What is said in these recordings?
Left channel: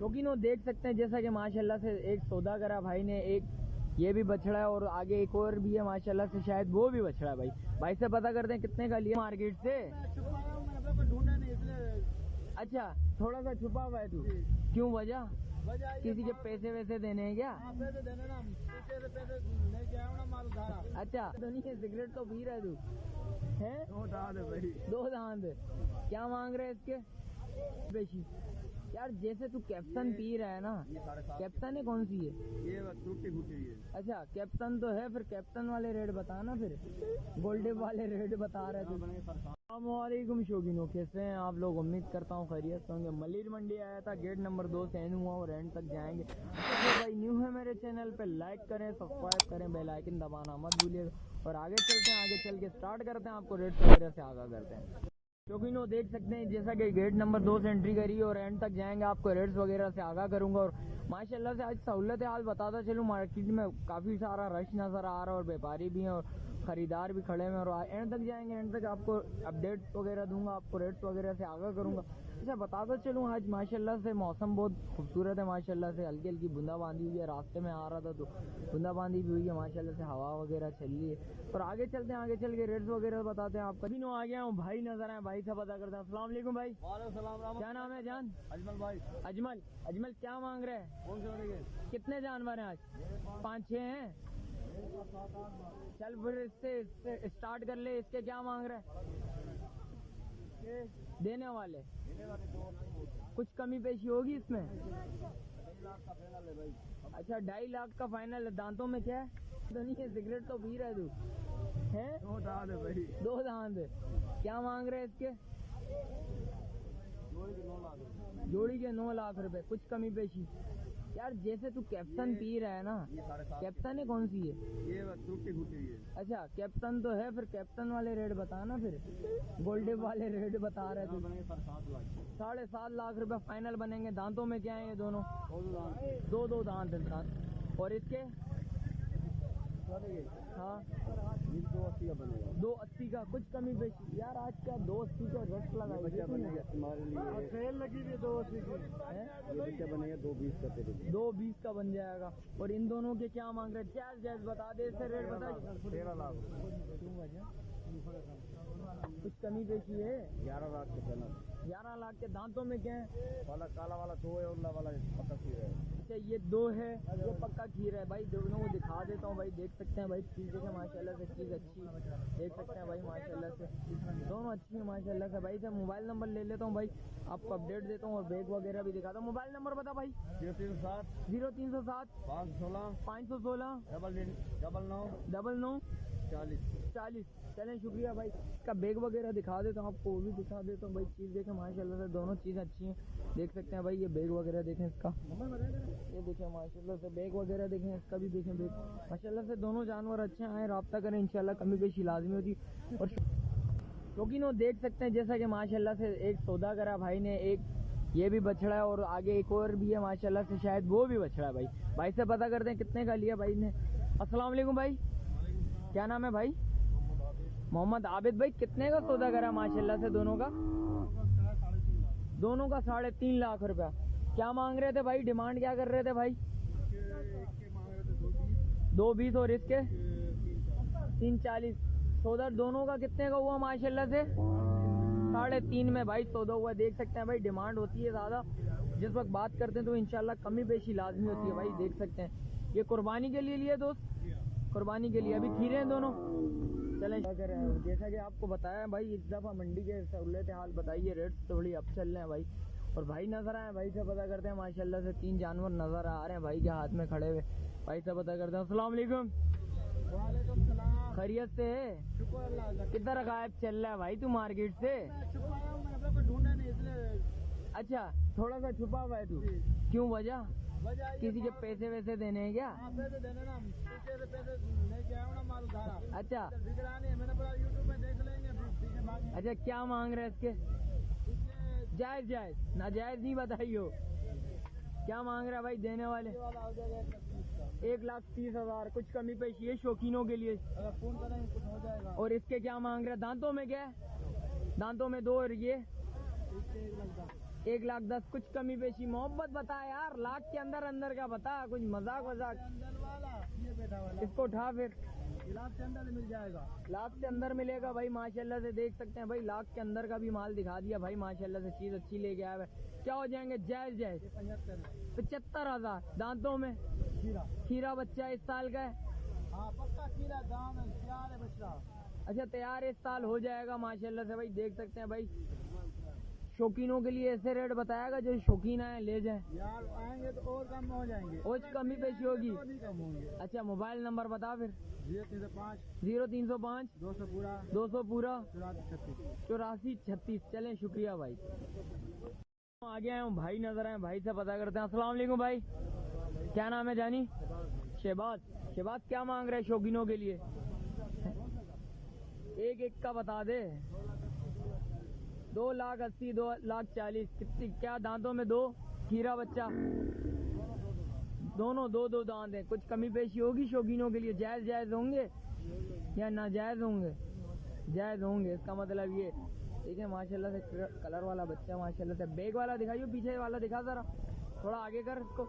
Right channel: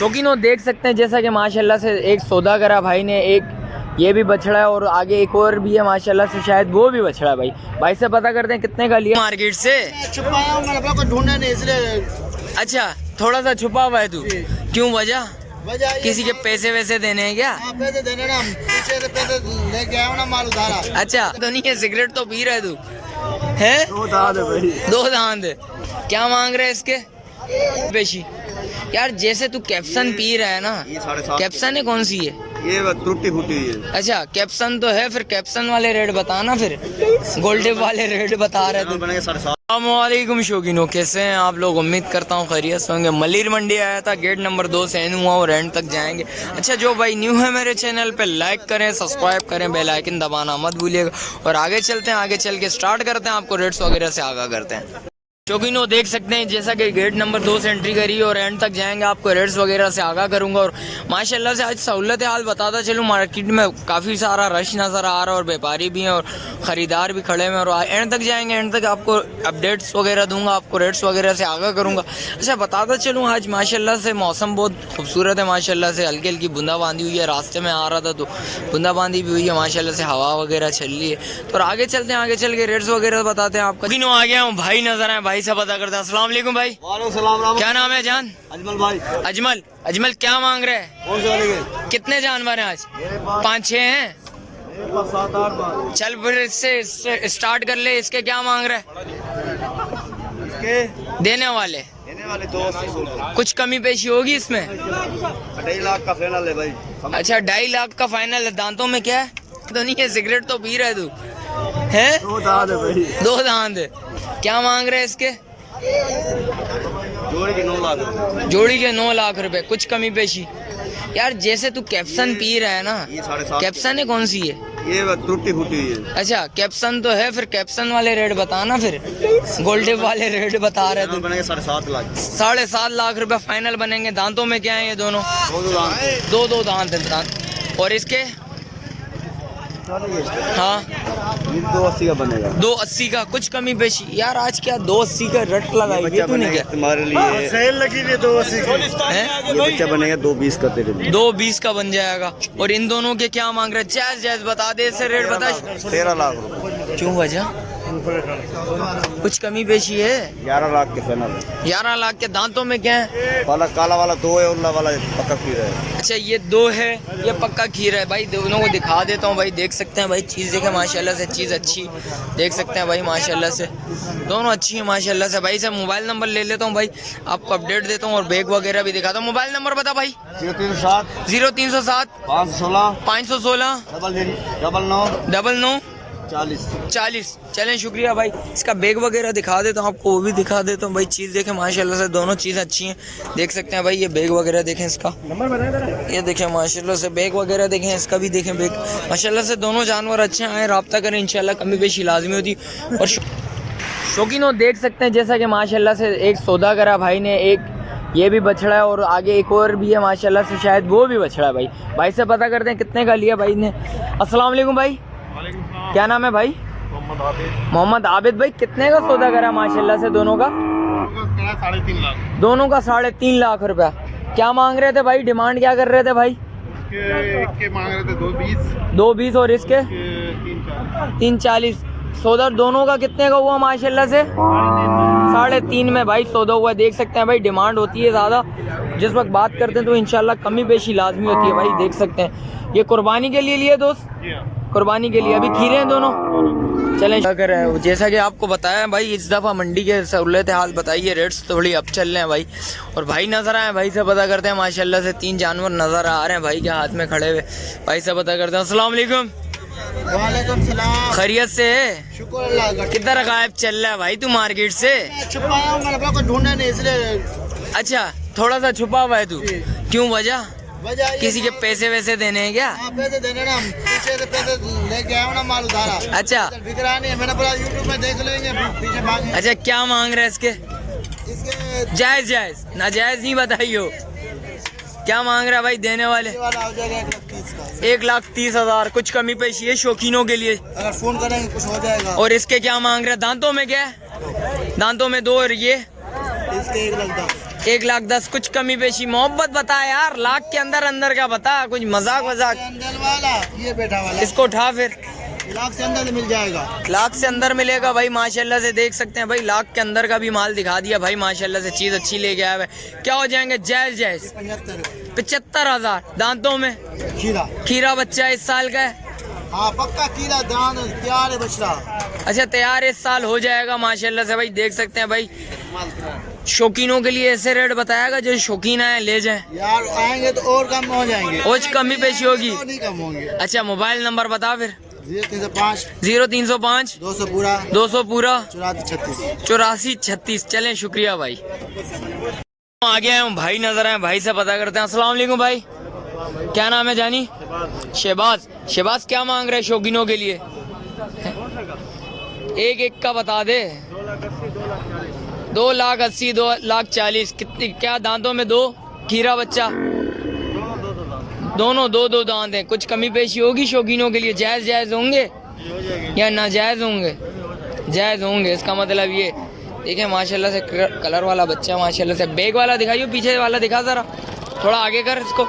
शौकीनों देख सकते हैं जैसा कि माशाल्लाह से एक सौदा करा भाई ने, एक ये भी बछड़ा है और आगे एक और भी है माशाल्लाह से, शायद वो भी बछड़ा है। भाई से पता करते हैं कितने का लिया मार्केट से। छुपाया हूं, मैंने को ढूंढा नहीं इसलिए। अच्छा, थोड़ा सा छुपा हुआ है तू, क्यों वजह? किसी के पैसे वैसे देने हैं क्या? पैसे देने ना, पीछे से पैसे लेके आया हूं ना, माल उधारा। अच्छा तो नहीं है, सिगरेट तो पी रहे तू है? दो दांत क्या मांग रहे हैं इसके पेशी? यार जैसे तू कैप्सन पी रहा है ना, कैप्सन है कौन सी है ये टूटी फूटी है। अच्छा कैप्सन तो है, फिर कैप्सन वाले रेट बताना, फिर गोल्डन वाले रेट बता रहे थे। अस्सलामुअलैकुम शौकीनों, कैसे हैं आप लोग? उम्मीद करता हूँ खैरियत से होंगे। मलिर मंडी आया था, गेट नंबर 2 से एन हुआ और एंड तक जाएंगे। अच्छा जो भाई न्यू है मेरे चैनल पे, लाइक करें, सब्सक्राइब करें, बेल आइकन दबाना मत भूलिएगा। और आगे चलते हैं, आगे चल के स्टार्ट करते हैं, आपको रेट्स वगैरह से आगाह करते हैं। शौकीनों देख सकते हैं जैसा कि गेट नंबर 2 से एंट्री करी और एंड तक जाएंगे, आपको रेट्स वगैरह से आगाह करूंगा। और माशाल्लाह से आज सहूलत हाल बताता चलूँ, मार्केट में काफ़ी सारा रश नज़र आ रहा है और व्यापारी भी हैं और ख़रीदार भी खड़े हैं। और एंड तक जाएंगे, एंड तक आपको अपडेट्स वगैरह दूंगा, आपको रेट्स वगैरह से आगाह करूँगा। अच्छा बताता चलूँ, आज माशाल्लाह से मौसम बहुत खूबसूरत है, माशाल्लाह से हल्की हल्की बूंदाबांदी हुई है। रास्ते में आ रहा था तो बूंदाबांदी भी हुई है, माशाल्लाह से हवा वगैरह चल रही है। तो आगे चलते हैं, आगे चल के रेट्स वगैरह बताते हैं आपको। किनो आ गया हूँ, भाई नजर आए, भाई से पता करते हैं। अस्सलाम वालेकुम भाई। वालेकुम सलाम। क्या नाम है जान? अजमल भाई। अजमल क्या मांग रहे हैं? कौन से वाले के? कितने जानवर हैं आज? 5-6 हैं। 7-8 चल फिर इससे स्टार्ट कर ले। इसके क्या मांग रहे हैं? इसके देने वाले 280। कुछ कमी पेशी होगी इसमें? 2.5 लाख का फाइनल है भाई। अच्छा 2.5 लाख का फाइनल है। दांतों में क्या है? तो नहीं है, सिगरेट तो पी रहे तू है? दो दांत है भाई। दो दांत क्या मांग रहे हैं इसके? जोड़ी के 9 लाख। जोड़ी के 9 लाख रुपए, कुछ कमी पेशी? यार जैसे तू कैप्सन पी रहा है ना, ये 7.5। कैप्सन है कौन सी है? ये टूटी फूटी है। अच्छा कैप्सन तो है, फिर कैप्सन वाले रेट बताना, फिर गोल्डन वाले रेट बता रहे थे। बनेंगे 7.5 लाख। 7.5 लाख रुपए फाइनल बनेंगे। दांतों में क्या है ये दोनों? दो दांत है दांत। और इसके? हाँ 280 का बनेगा। 280 का, कुछ कमी पेशी? यार आज क्या 280 का रट लगाई है तूने क्या? तुम्हारे लिए सेल लगी है 280 की। है? ये बच्चा बनेगा 220 का तेरे लिए। 220 का बन जाएगा। और इन दोनों के क्या मांग रहे? जायज बता दे, इससे रेट बता। 13 लाख रुपए। क्यों वजह? कुछ कमी पेशी है? 11 लाख के फाइनल है। 11 लाख के। दांतों में क्या है? वाला काला वाला 2 है, उल्ला वाला पक्का खीरा है। अच्छा ये 2 है, ये पक्का खीरा है। भाई दोनों को दिखा देता हूँ भाई, देख सकते हैं भाई, चीज़ देखें माशाल्लाह से, चीज़ अच्छी देख सकते हैं भाई, माशाल्लाह से दोनों अच्छी है माशाल्लाह से। भाई से मोबाइल नंबर ले लेता हूँ भाई, आपको अपडेट देता हूँ और बैग वगैरह भी दिखाता हूँ। मोबाइल नंबर बता भाई। 0307 516 99 40। चलें शुक्रिया भाई। इसका बैग वगैरह दिखा देता हूँ आपको, वो भी दिखा देता हूँ भाई। चीज़ देखें माशाल्लाह से, दोनों चीज़ अच्छी हैं, देख सकते हैं भाई। ये बैग वगैरह देखें इसका, ये देखें माशाल्लाह से बैग वगैरह देखें, इसका भी देखें बैग माशाल्लाह से। दोनों जानवर अच्छे हैं, आए रब्ता करें, इंशाल्लाह कमी पेशी लाजमी होती। और शौकीनों देख सकते हैं जैसा कि माशाल्लाह से एक सौदा करा भाई ने, एक ये भी बछड़ा है और आगे एक और भी है माशाल्लाह से, शायद वो भी बछड़ा है। भाई से पता करते हैं कितने का लिया भाई ने। अस्सलाम वालेकुम भाई। क्या नाम है भाई? मोहम्मद आबिद भाई। कितने का सौदा करा माशाल्लाह से दोनों का? 3.5 लाख। दोनों का 3.5 लाख रुपया। क्या मांग रहे थे भाई? डिमांड क्या कर रहे थे भाई? के मांग रहे थे 220। 220 और इसके 340। सौदा दोनों का कितने का हुआ माशाल्लाह से? 3.5 में भाई सौदा हुआ। देख सकते हैं भाई, डिमांड होती है ज़्यादा, जिस वक्त बात करते हैं तो इंशाल्लाह कमी पेशी लाजमी होती है भाई, देख सकते हैं। ये कुर्बानी के लिए लिए दोस्त, कुर्बानी के लिए। अभी खीरे हैं दोनों। चलें क्या कर रहे हैं, जैसा कि आपको बताया भाई, इस दफ़ा मंडी के सहूलत हाल बताइए, रेट्स थोड़ी अब चल रहे हैं भाई। और भाई नज़र आए, भाई से पता करते हैं माशाल्लाह से। 3 जानवर नज़र आ रहे हैं भाई के हाथ में खड़े हुए, भाई से पता करते हैं। अस्सलाम वालेकुम। वालेकुम सलाम। खैरियत से है? शुक्र अल्लाह का। किधर गायब चल रहा है भाई तू मार्केट से? छुपाया हूं, मैंने को ढूंढा नहीं इसलिए। अच्छा थोड़ा सा छुपा हुआ है तू, क्यों वजह? वजह किसी के पैसे वैसे देने हैं क्या? पैसे देने ना, पीछे से पैसे लेके आया हूं ना, माल उधारा। अच्छा बिक रहा नहीं है, मैंने बोला यूट्यूब में देख लेंगे, पीछे भागे। अच्छा क्या मांग रहे हैं इसके? इसके जायज नाजायज नहीं बताइयो। क्या मांग रहा है भाई देने वाले? वाला हो जाएगा 1,30,000 का। 1,30,000। कुछ कमी पेशी है शौकीनों के लिए, अगर फोन करेंगे कुछ हो जाएगा। और इसके क्या मांग रहे हैं? दांतों में क्या है? दांतों में 2 और ये इसके 1,10,000। 1,10,000 कुछ कमी पेशी मोहब्बत बता यार, लाख के अंदर अंदर का बता, कुछ मजाक वजाक। अंदर वाला ये बैठा वाला इसको उठा फिर, लाख से अंदर मिल जाएगा। लाख से अंदर मिलेगा भाई माशाल्लाह से, देख सकते हैं भाई लाख के अंदर का भी माल दिखा दिया भाई माशाल्लाह से, चीज अच्छी लेके आया है। क्या हो जाएंगे जायज जायज? 75,000। दांतों में खीरा खीरा बच्चा 1 साल का है। हाँ पक्का खीरा दान तैयार है बछड़ा। अच्छा तैयार 1 साल हो जाएगा माशाल्लाह से भाई, देख सकते हैं भाई। शौकीनों के लिए ऐसे रेट बताएगा जो शौकीन आए ले जाए यार, आएंगे तो और कम हो जाएंगे, और कमी पेशी होगी। और नहीं कम होंगे। अच्छा मोबाइल नंबर बता फिर। 0305 0305 200 पूरा 200 पूरा 8436। 8436। चलें शुक्रिया भाई। आ गए हैं भाई, नजर आए भाई से पता करते हैं। अस्सलाम वालेकुम भाई, क्या नाम है जानी? शहबाज। शहबाज क्या मांग रहे हैं शौकीनों के लिए? एक का बता दे। 2,80,000 2,40,000। कितनी क्या दांतों में? 2 खीरा बच्चा, दोनों दो दांत हैं। कुछ कमी पेशी होगी शौकीनों के लिए? जायज जायज होंगे या नाजायज होंगे? जायज होंगे। इसका मतलब ये देखिए माशाल्लाह से कलर वाला बच्चा माशाल्लाह से। बैग वाला दिखाइए, पीछे वाला दिखा जरा, थोड़ा आगे कर इसको।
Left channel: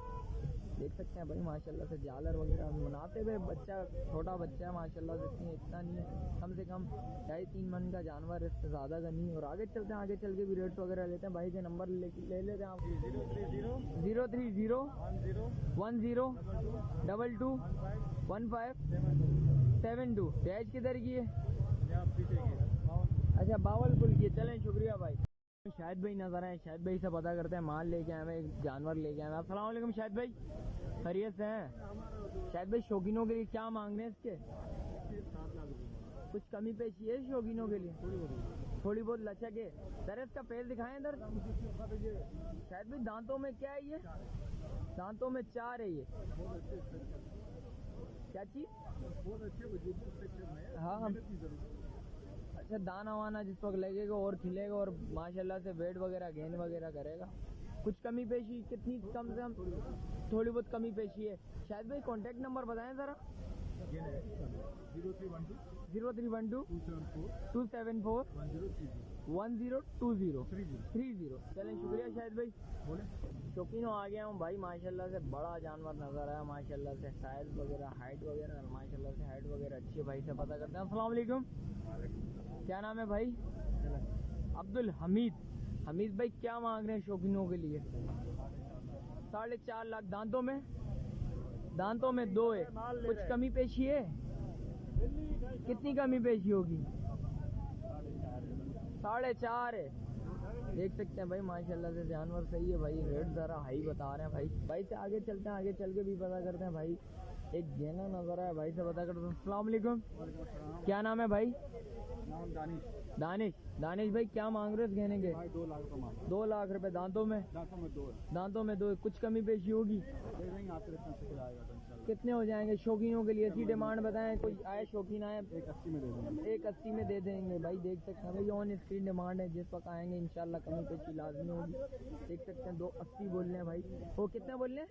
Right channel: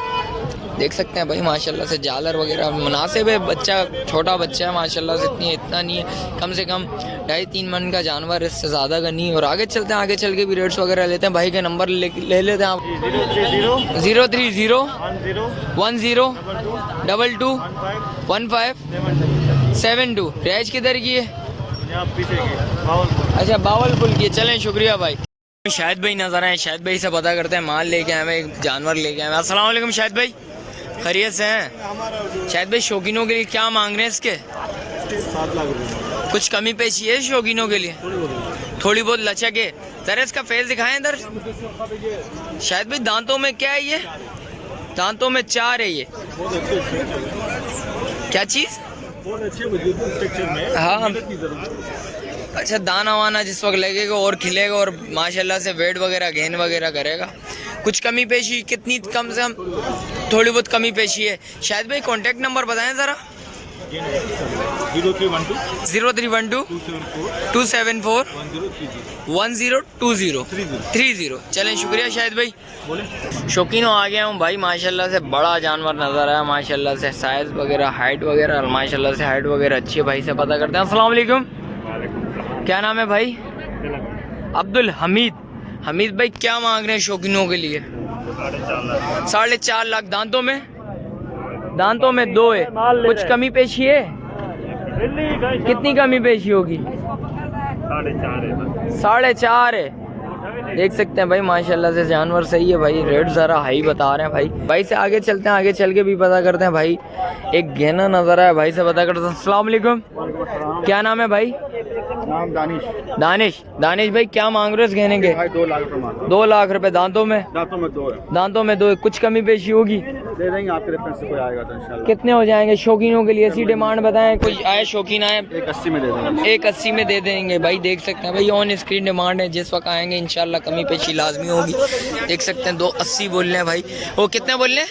देख सकते हैं भाई माशाल्लाह से जालर वगैरह मुनासिब है। बच्चा छोटा बच्चा है माशाल्लाह से, इतना नहीं है, कम से कम 2.5-3 मन का जानवर, इससे ज़्यादा का नहीं। और आगे चलते हैं, आगे चल के भी रेट्स वगैरह लेते हैं। भाई के नंबर ले लेते हैं आप। 030 10 22 15 72। रिहाइश किधर की है? अच्छा बावलपुर की। चलें शुक्रिया भाई। शाहिद भाई नजर आए, शाहिद भाई से पता करते हैं। माल लेके आए, एक जानवर लेके आए। अस्सलाम वालेकुम शाहिद भाई, खैरियत से हैं? शाहिद भाई शौकीनों के लिए क्या मांग रहे हैं इसके? 7 लाख रुपए। कुछ कमी पेशी है शौकीनों के लिए? थोड़ी बहुत लचक है। जरा इसका फेस दिखाएं इधर। शाहिद भाई दांतों में क्या है ये? दांतों में 4 है ये। क्या चीज? हाँ अच्छा, दाना वाना जिस वक्त लगेगा और खिलेगा और माशाल्लाह से वेट वगैरह गेन वगैरह करेगा। कुछ कमी पेशी कितनी? कम से कम थोड़ी बहुत कमी पेशी है। शायद भाई कांटेक्ट नंबर बताएं ज़रा। 0312 274 1020 चलें शुक्रिया शाहिद भाई। शौकीनों आ गया हूँ भाई, माशाल्लाह से बड़ा जानवर नज़र आया माशाल्लाह से। साइज़ वगैरह हाइट वगैरह माशाल्लाह से हाइट वगैरह अच्छी है। भाई से पता करते हैं। अस्सलाम वालेकुम, क्या नाम है भाई? अब्दुल हमीद। हमीद भाई क्या मांग रहे हैं शौकीनों के लिए? 4.5 लाख। दांतों में? दांतों में 2 है। कुछ कमी पेशी है? कितनी कमी पेशी होगी? 4.5 है। देख सकते हैं भाई माशाल्लाह से जानवर सही है भाई। रेट ज़रा हाई बता रहे हैं भाई। भाई से आगे चलते हैं, आगे चल के भी पता करते हैं भाई। एक गहना नजर आया, भाई से पता करते हैं। अस्सलाम वालेकुम, क्या नाम है भाई? नाम दानिश। दानिश। दानिश भाई क्या मांग रहे हो इस गहने के? 2 लाख रुपए। 2 लाख रुपए। दांतों में? दांतों में 2 है। दांतों में 2 है। कुछ कमी पेशी होगी? दे देंगे आपके रेफरेंस से, कोई आएगा तो इंशाल्लाह। कितने हो जाएंगे शौकीनों के लिए? ऐसी डिमांड बताएं, कोई आए शौकीन आए। 180 में दे देंगे। 180 में दे देंगे भाई। देख सकते हैं भाई ऑन स्क्रीन डिमांड है, जिस वक्त आएंगे इंशाल्लाह कमी पेशी लाजमी होगी। देख सकते हैं 280 बोल रहे हैं भाई। वो कितने बोल रहे हैं?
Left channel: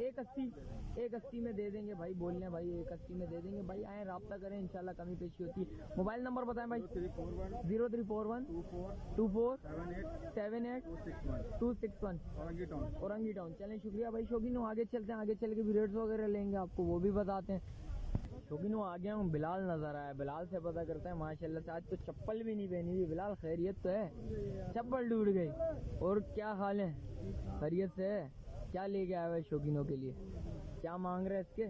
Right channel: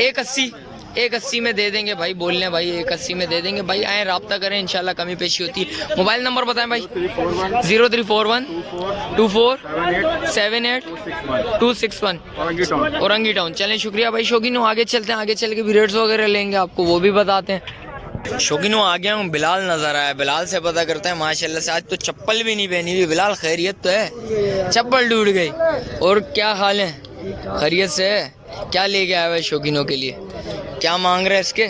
180। 180 में दे देंगे भाई, बोल रहे हैं भाई 180 में दे देंगे भाई। आए रब्ता करें, इंशाल्लाह कमी पेशी होती है। मोबाइल नंबर बताएं भाई। 0341 24 78 261 औरंगी टाउन। चलें शुक्रिया भाई। शौकीनों आगे चलते हैं, आगे चल के भी रेट्स वगैरह लेंगे, आपको वो भी बताते हैं। शौकीनों आ गया हूँ, बिलाल नजर आया। बिलाल से पता करते हैं माशाल्लाह से। आज तो चप्पल भी नहीं पहनी हुई। बिलाल खैरियत तो है? चप्पल टूट गई। और क्या हाल है? खैरियत से है? क्या लेके आया है शौकीनों के लिए? क्या मांग रहे हैं इसके?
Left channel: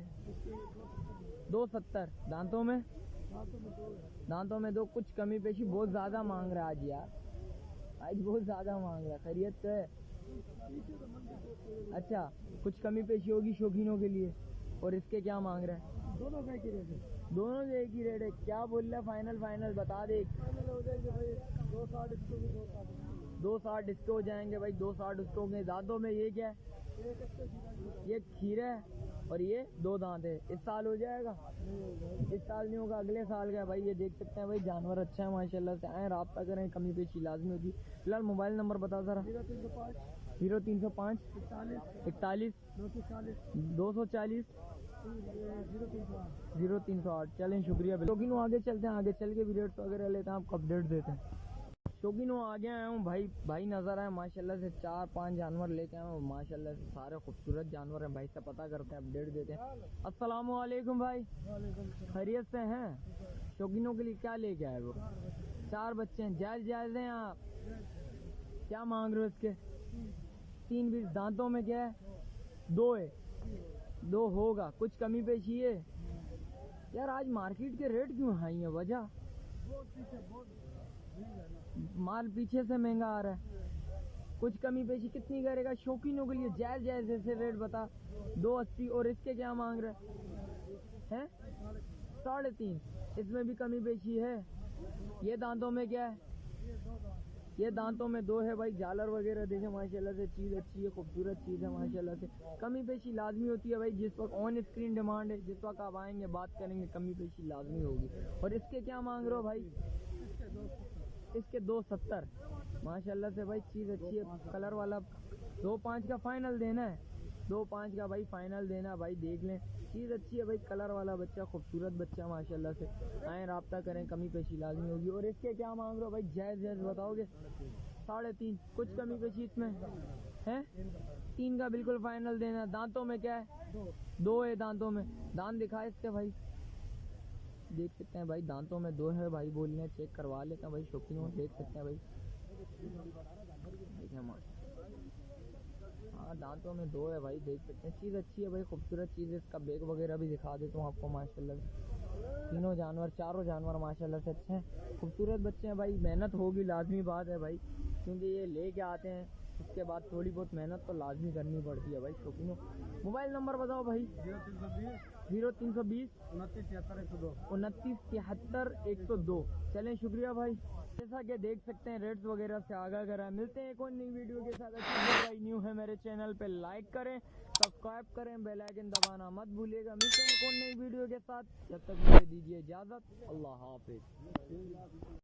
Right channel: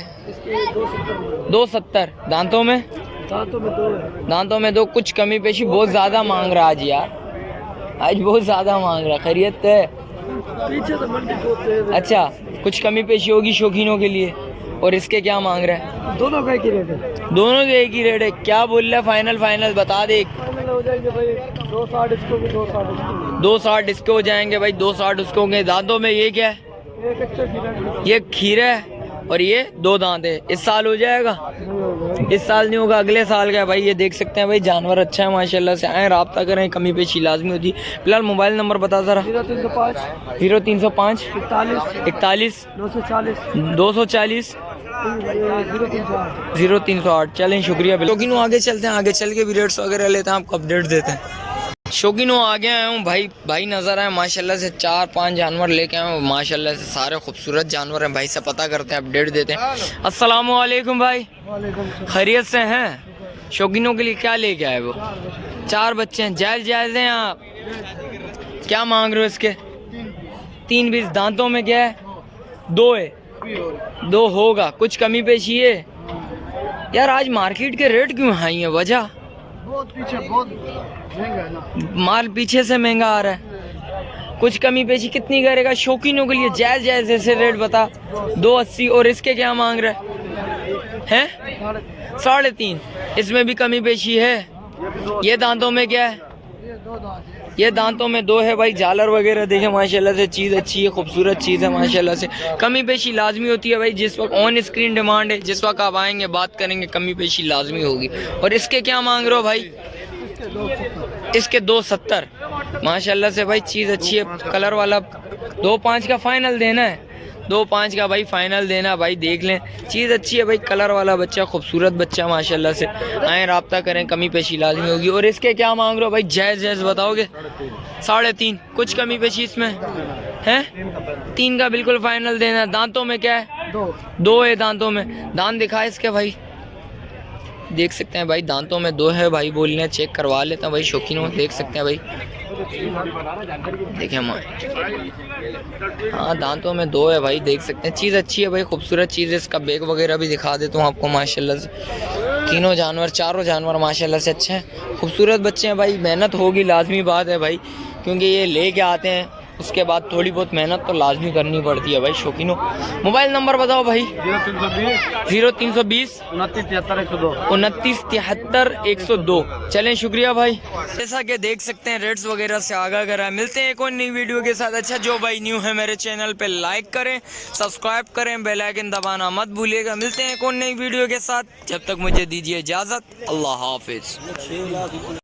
270। दांतों में? दांतों में 2। कुछ कमी पेशी? बहुत ज़्यादा मांग रहा आज यार, आज बहुत ज़्यादा मांग रहा। खैरियत तो है? अच्छा कुछ कमी पेशी होगी शौकीनों के लिए। और इसके क्या मांग रहा है? दोनों का एक ही रेट है। दोनों के एक ही रेट है। क्या बोल रहा है? फाइनल बता दे। 260 इसको भी 260 260 इसके हो जाएंगे भाई। 260 उसको होंगे। दांतों में ये क्या है? ये खीरा है और ये 2 दांत है। इस साल हो जाएगा? इस साल नहीं होगा, अगले साल का है भाई। ये देख सकते हैं भाई जानवर अच्छा है माशाल्लाह से। आए रब्ता करें, कमी पेशी लाजमी होती है। फिलहाल मोबाइल नंबर बता जरा। 0305 41 240 0308। चलें शुक्रिया। लेकिन आगे चलते हैं, आगे चल के भी रेट्स वगैरह लेते हैं, आपको अपडेट देते हैं। शौकीनों आगे आया हूँ भाई। भाई नज़र आए माशाल्लाह से 4-5 जानवर लेके आए हूँ माशाल्लाह से, सारे खूबसूरत जानवर हैं। भाई से पता करते हैं, अपडेट देते हैं। अस्सलाम वालेकुम भाई, खैरियत से हैं? शौकीनों के लिए क्या लेके आए वो? 4 बच्चे हैं, जायज़ जायज़ हैं आप? क्या मांग रहे हो इसके? 3 बीस दांतों में क्या है? 2 है, 2 होगा, कुछ कमी पेशी है? यार आज मार्केट के रेट क्यों हाई है, वजह? बहुत पीछे, बहुत महंगा है ना माल, पीछे से महंगा आ रहा है। कुछ कमी पेशी कितनी करेगा? शौकीनों के लिए जायज़ जायज़ ऐसे रेट बता। 280। और इसके क्या मांग रहा है? 3.5। इसमें भी कमी पेशी है? ये दांतों में क्या है? ये दांतों में 2 है भाई। झालर वगैरह देखे माशाल्लाह से, चीज़ अच्छी है, खूबसूरत चीज़ है माशाल्लाह से। कमी पेशी लाजमी होती है भाई, जिस वक्त ऑन स्क्रीन डिमांड है, जिस वक्त आप आएंगे बात करेंगे कमी पेशी लाजमी होगी। और इसके क्या मांग रहे हो भाई? इसके 270 माशाल्लाह से भाई, चीज़ अच्छी है, कलर वाला। 2.5 का फाइनल देना है, 2.5 का भाई फाइनल देना भाई। देख लें, चीज़ अच्छी है भाई, कलर वाला बच्चा, खूबसूरत बच्चा माशाल्लाह से। आए रब्ता करें, कमी पेशी लाजमी होगी। और इसके क्या मांग रहे हो भाई? जायज़ जायज़ बताओगे? 3.5। कुछ कमी पेशी इसमें है? 3 का बिल्कुल फाइनल देना। दांतों में क्या है? 2 है दांतों में। दांत दिखा इसके भाई, देख सकते हैं भाई, दांतों में 2 है भाई। बोल रहे हैं, चेक करवा लेते हैं भाई शौकीनों, देख सकते हैं भाई। देखें हम, हाँ दांतों में 2 है भाई, देख सकते हैं। चीज़ अच्छी है भाई, खूबसूरत चीज़ है। इसका बैग वगैरह भी दिखा देता हूँ आपको माशाल्लाह से। तीनों जानवर, चारों जानवर माशाल्लाह से अच्छे हैं, खूबसूरत बच्चे हैं भाई। मेहनत होगी, लाजमी बात है भाई, क्योंकि ये ले के आते हैं, उसके बाद थोड़ी बहुत मेहनत तो लाजमी करनी पड़ती है भाई शौकीनों। मोबाइल नंबर बताओ भाई। 0320 2973 102। चलें, शुक्रिया भाई। जैसा कि देख सकते हैं रेट्स वगैरह से आगाह करा है। मिलते हैं एक और नई वीडियो के साथ। अच्छा, जो भाई न्यू है मेरे चैनल पे लाइक करें, सब्सक्राइब करें, बेल आइकन दबाना मत भूलिएगा। मिलते हैं एक और नई वीडियो के साथ, जब तक मुझे दीजिए इजाज़त। अल्लाह हाफिज़।